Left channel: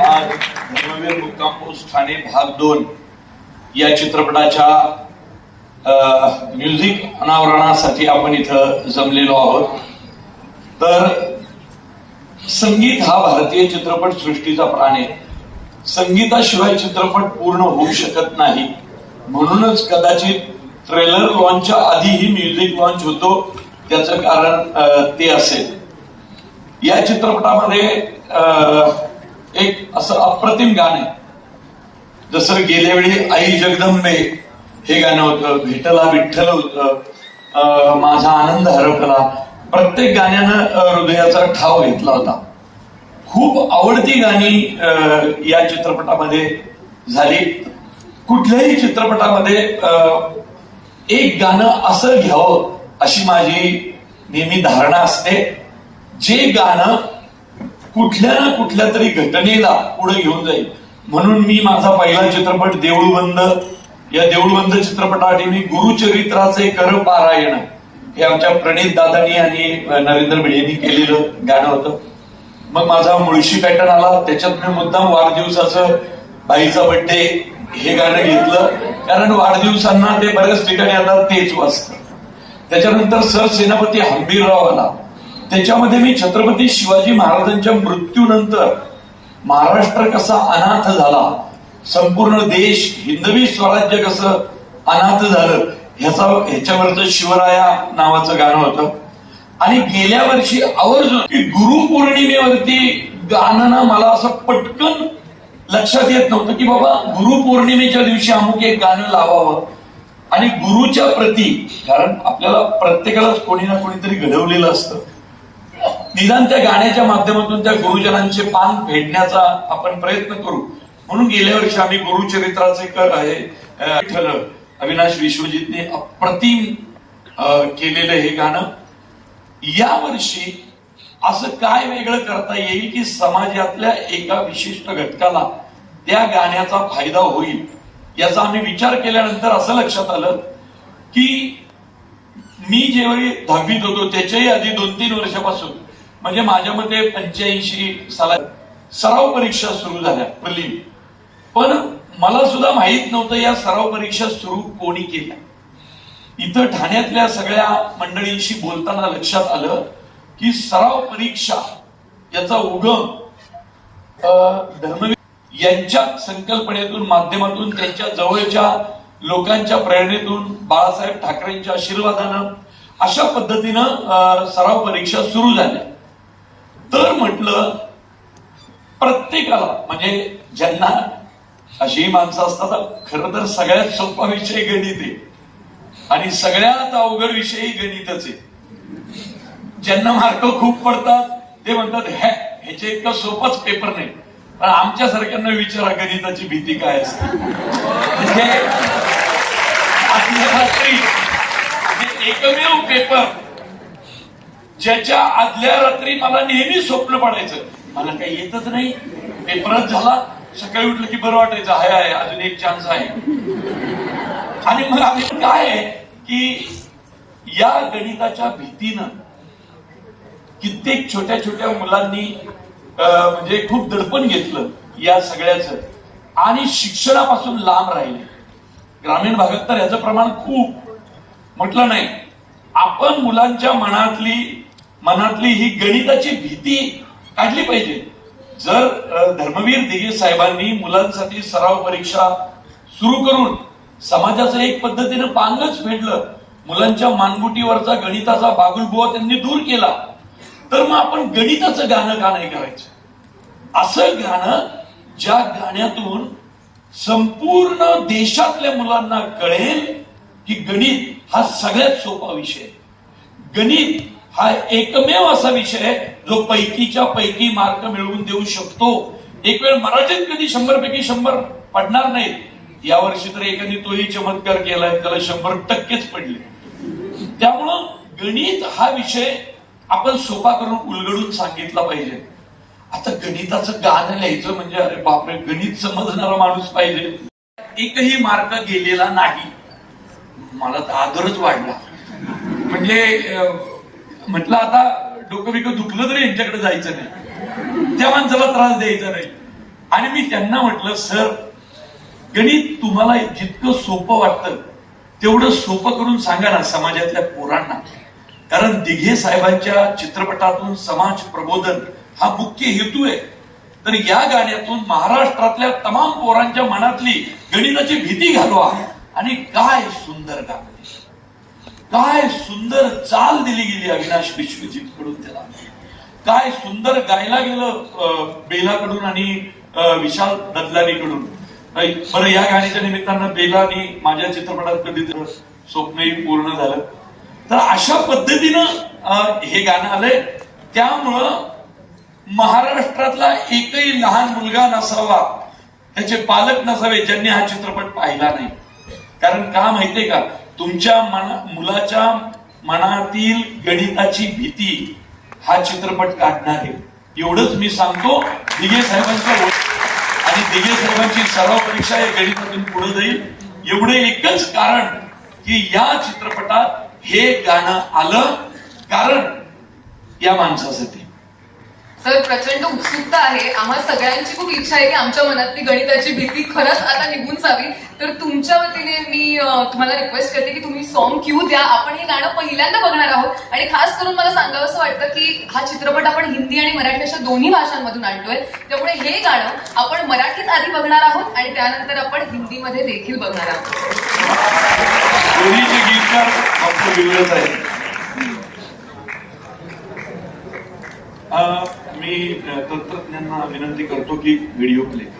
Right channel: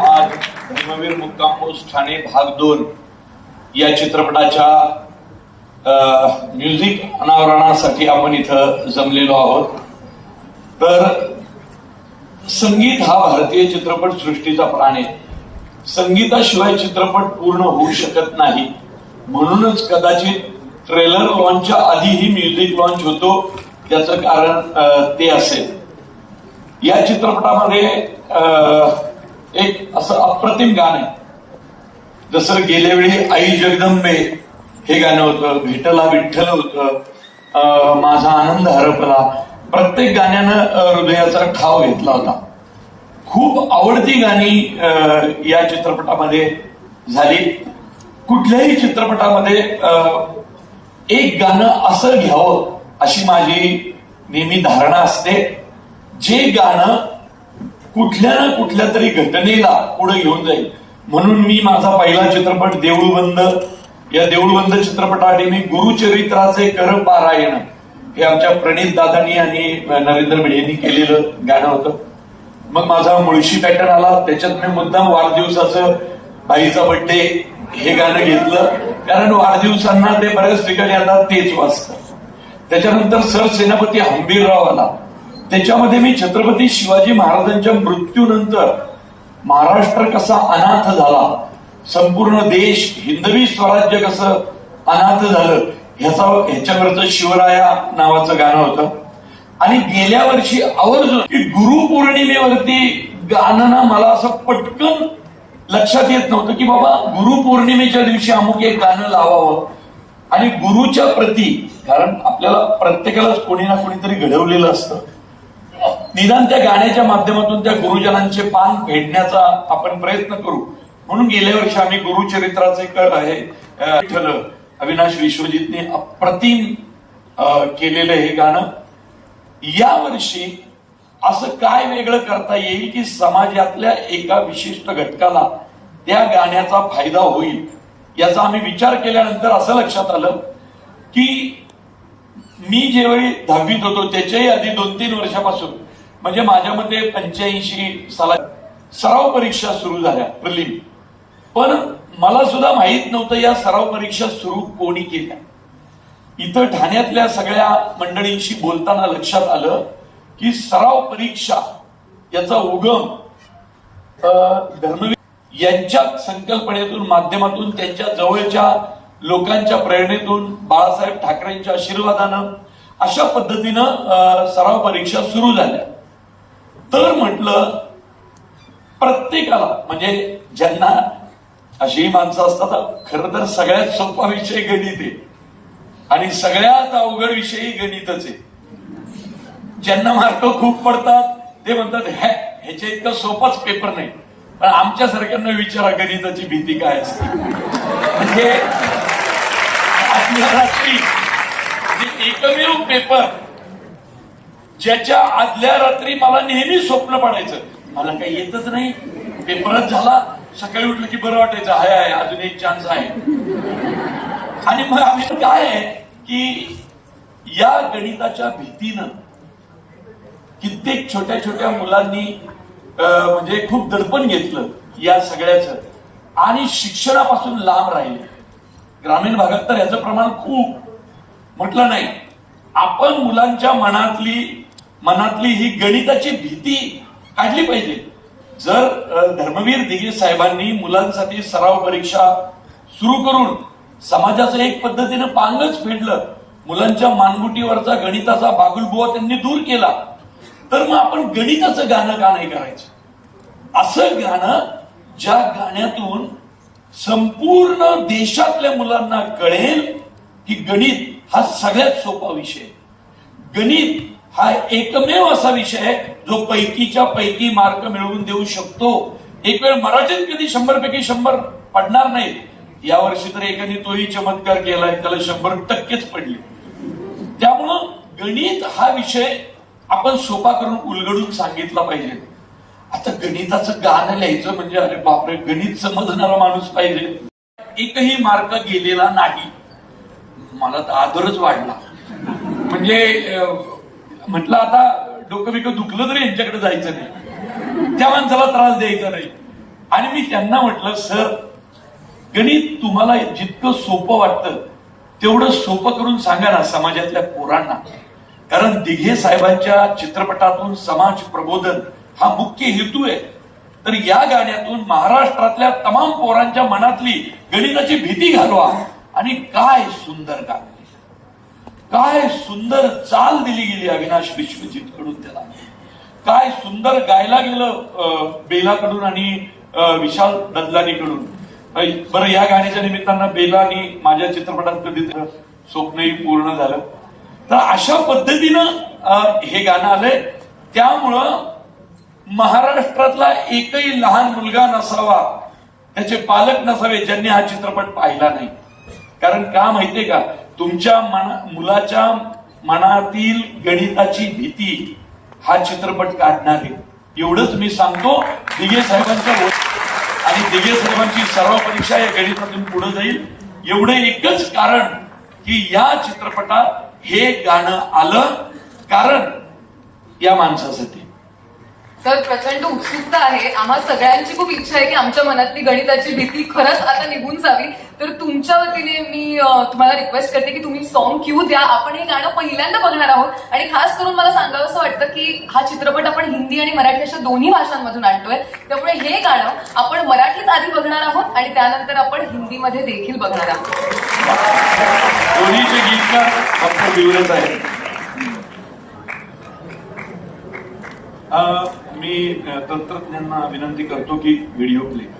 आज धर्मवीर मुक्काम पोस्ट ठाणे भाग दोन. या चित्रपटाच्या म्युझिक अनावरणासाठी आपण इथं जमलेलो आहोत. तर संगीत हा भारतीय चित्रपट सृष्टीचा प्राण आहे. संगीताशिवाय चित्रपट पूर्ण होऊ शकत नाही. म्हणूनच कदाचित ट्रेलर लॉन्चच्या आधीही म्युझिक लॉन्च होतो. त्याचं कारण ते असेल. या चित्रपटामध्ये एक असं अप्रतिम गाणं. जसं गेल्या वेळी आई जगदंबे हे गाणं होतं भेटला विठ्ठल होतं माझा आनंद हरपला. प्रत्येक गाण्यानं हृदयाचा ठाव घेतला होता. खूप आवडती गाणी या चित्रपटामध्ये झाली. कुठल्याही चित्रपटामध्ये एक गाणं असं घ्यावं अशी माझी नेहमी धारणा असते. जे गाणं कुठल्या ना कुठल्या तरी घटनेला पुढे घेऊन जाईल. म्हणून मी माझा पहिला चित्रपट देऊळबंद या देऊळबंद चित्रपटासाठी मी गुरुचरित्राचे कर पारायण हे आमच्या प्रणित दादांनी आणि नरेंद्र यांनी केलेलं गाणं होतं. मग माझा मुळशी पॅटर्न आला. त्याच्यात मी मुद्दाम वाढदिवसाचं बाईचा बड्डे हे गाणं घेतलं. कारण वाढदिवसांना ते बऱ्याच ठिकाणी आता तेच वाचतं त्याच्यानंतर सर सेनापती हंबीरराव आला. त्याच्यामध्ये मी छत्रपती शिवाजी महाराजांच्या मृत्यूनंतर महाराष्ट्र कसा अनाथ झाला संपूर्ण देश हिंदवी स्वराज्य कसं अनाथ झालं ह्याचा ह्याच्यावरचं शिवराया नावाचं गाणं होतं. आणि गेल्या वर्षी आवर्जून की गुरुपौर्णिमेवरती गाणं ना मला असं पटकन लक्षात येत नव्हतं की बाबा गुरुपौर्णिमेच्या दिवशी अमुक एक गाणं लावावं. आणि गुरुच्या प्रती कारण आपल्याला प्रत्येकालाच कोणी ना कोणीतरी घडवलेलं असतं. निदान त्या गाण्याच्या माध्यमातून त्या गुरुजनांचे पान फेडण्याचा आपण प्रयत्न करू. म्हणून गेल्या वर्षी आम्ही गुरुचरित्राचे कर आहे ठरलं अविनाश विश्वजितने अप्रतिम अं, केलेलं हे गाणं. या वर्षी असं काय वेगळं करता येईल की समाजातल्या एका विशिष्ट घटकाला त्या गाण्याचा फायदा होईल? याचा आम्ही विचार केल्यानंतर असं लक्षात आलं की मी जेव्हा दहावीत होतो त्याच्याही आधी दोन तीन वर्षापासून म्हणजे माझ्या मते पंच्याऐंशी साला सराव परीक्षा सुरू झाल्या प्रलिम. पण मला सुद्धा माहीत नव्हतं या सराव परीक्षा सुरू कोणी केल्या. इथं ठाण्यातल्या सगळ्या मंडळींशी बोलताना लक्षात आलं की सराव परीक्षा याचा उगम धर्मवीर यांच्या संकल्पनेतून माध्यमातून त्यांच्या जवळच्या लोकांच्या प्रेरणेतून बाळासाहेब ठाकरेंच्या आशीर्वादानं अशा पद्धतीनं सराव परीक्षा सुरू झाल्या. तर म्हटलं प्रत्येकाला म्हणजे ज्यांना अशी माणसं असतात खरं तर सगळ्यात सोपा विषय गणित आहे. आणि सगळ्यात अवघड विषयही गणितच आहे. ज्यांना मार्क खूप पडतात ते म्हणतात हे ह्याच्या इतका सोपाच पेपर नाही. पण आमच्यासारख्यांना विचारा गणिताची भीती काय असते. म्हणजे रात्री म्हणजे एकमेव पेपर ज्याच्या आदल्या रात्री मला नेहमी स्वप्न पडायचं. मला काही येतच नाही. पेपरच झाला. सकाळी उठलं की बरं वाटायचं. हाय आहे अजून एक चान्स आहे. आणि मग आम्ही काय आहे की या गणिताच्या भीतीनं कित्येक छोट्या छोट्या मुलांनी अं, म्हणजे खूप दडपण घेतलं या सगळ्याचं. आणि शिक्षणापासून लांब राहिले. ग्रामीण भागात तर याचं प्रमाण खूप. म्हटलं नाही. आपण मुलांच्या मनातली मनातली ही गणिताची भीती काढली पाहिजे. जर धर्मवीर दिगी साहेबांनी मुलांसाठी सराव परीक्षा सुरू करून समाजाचं एक पद्धतीनं पांगच फेडलं मुलांच्या मानगुटीवरचा गणिताचा बागुलबुवा त्यांनी दूर केला तर मग आपण गणिताचं गाणं का नाही करायचं? असं गाणं ज्या गाण्यातून संपूर्ण देशातल्या मुलांना कळेल की गणित हा सगळ्यात सोपा विषय गणित हा एकमेव असा विषय आहे जो पैकीच्या पैकी मार्क मिळवून देऊ शकतो. एक वेळ मराठीत कधी शंभर पैकी शंभर पडणार नाहीत. यावर्षी तर एकाने तोही चमत्कार केलाय त्याला शंभर टक्केच पडले. त्यामुळं गणित हा विषय आपण सोपा करून उलगडून सांगितला पाहिजे. आता गणिताचं गाणं लिहायचं म्हणजे अरे बापरे गणित समजणारा माणूस पाहिजे. एकही मार्क गेलेला नाही. मला तर आदरच वाढला. म्हणजे म्हटलं आता डोकं बिकं दुखलं तरी यांच्याकडे जायचं नाही. त्या माणसाला त्रास द्यायचा नाही. आणि मी त्यांना म्हटलं सर गणित तुम्हाला जितकं सोपं वाटतं तेवढं सोपं करून सांगा ना समाजातल्या पोरांना. कारण दिघे साहेबांच्या चित्रपटातून समाज प्रबोधन हा मुख्य हेतू आहे. तर या गाण्यातून महाराष्ट्रातल्या तमाम पोरांच्या मनातली गणिताची भीती घालवा आणि काय सुंदर गाणं. काय सुंदर चाल दिली गेली अविनाश विश्वजित कडून त्याला. काय सुंदर गायला गेलं अं, बेलाकडून आणि विशाल ददलानीकडून. बरं या गाण्याच्या निमित्तानं बेलानी माझ्या चित्रपटात कधी स्वप्नही पूर्ण झालं. तर अशा पद्धतीनं हे गाणं आलंय. त्यामुळं महाराष्ट्रातला एकही लहान मुलगा नसावा त्याचे पालक नसावे ज्यांनी हा चित्रपट पाहिला नाही. कारण का माहितीये का? तुमच्या मना मुलाच्या मनातील गणिताची भीती हा चित्रपट काढणार आहे. एवढंच मी सांगतो दिगे साहेबांचा आणि दिगे साहेबांची सर्व परीक्षा या गणितातून पुढे जाईल. एवढे एकच कारण की या चित्रपटात हे गाणं आलं कारण या माणसासाठी. सर प्रचंड उत्सुकता आहे. आम्हा सगळ्यांची खूप इच्छा आहे की आमच्या मनातली गणिताची भीती खरंच आता निघून जावी. तर तुमच्या वतीने मी तुम्हाला रिक्वेस्ट करते की तुम्ही सॉन्ग क्यू द्या. आपण हे गाणं पहिल्यांदा बघणार आहोत. आणि खास करून मला सांगावं असं वाटतं की हा चित्रपट आपण हिंदी आणि मराठी अशा दोन्ही भाषांमधून आणतोय. त्यामुळे हे गाणं आपण मराठीत आधी बघणार आहोत आणि त्यानंतर आपण हिंदीमध्ये देखील बघणार आहोत. मी तंत्रज्ञांना विनंती करतो की व्हिडिओ क्लिक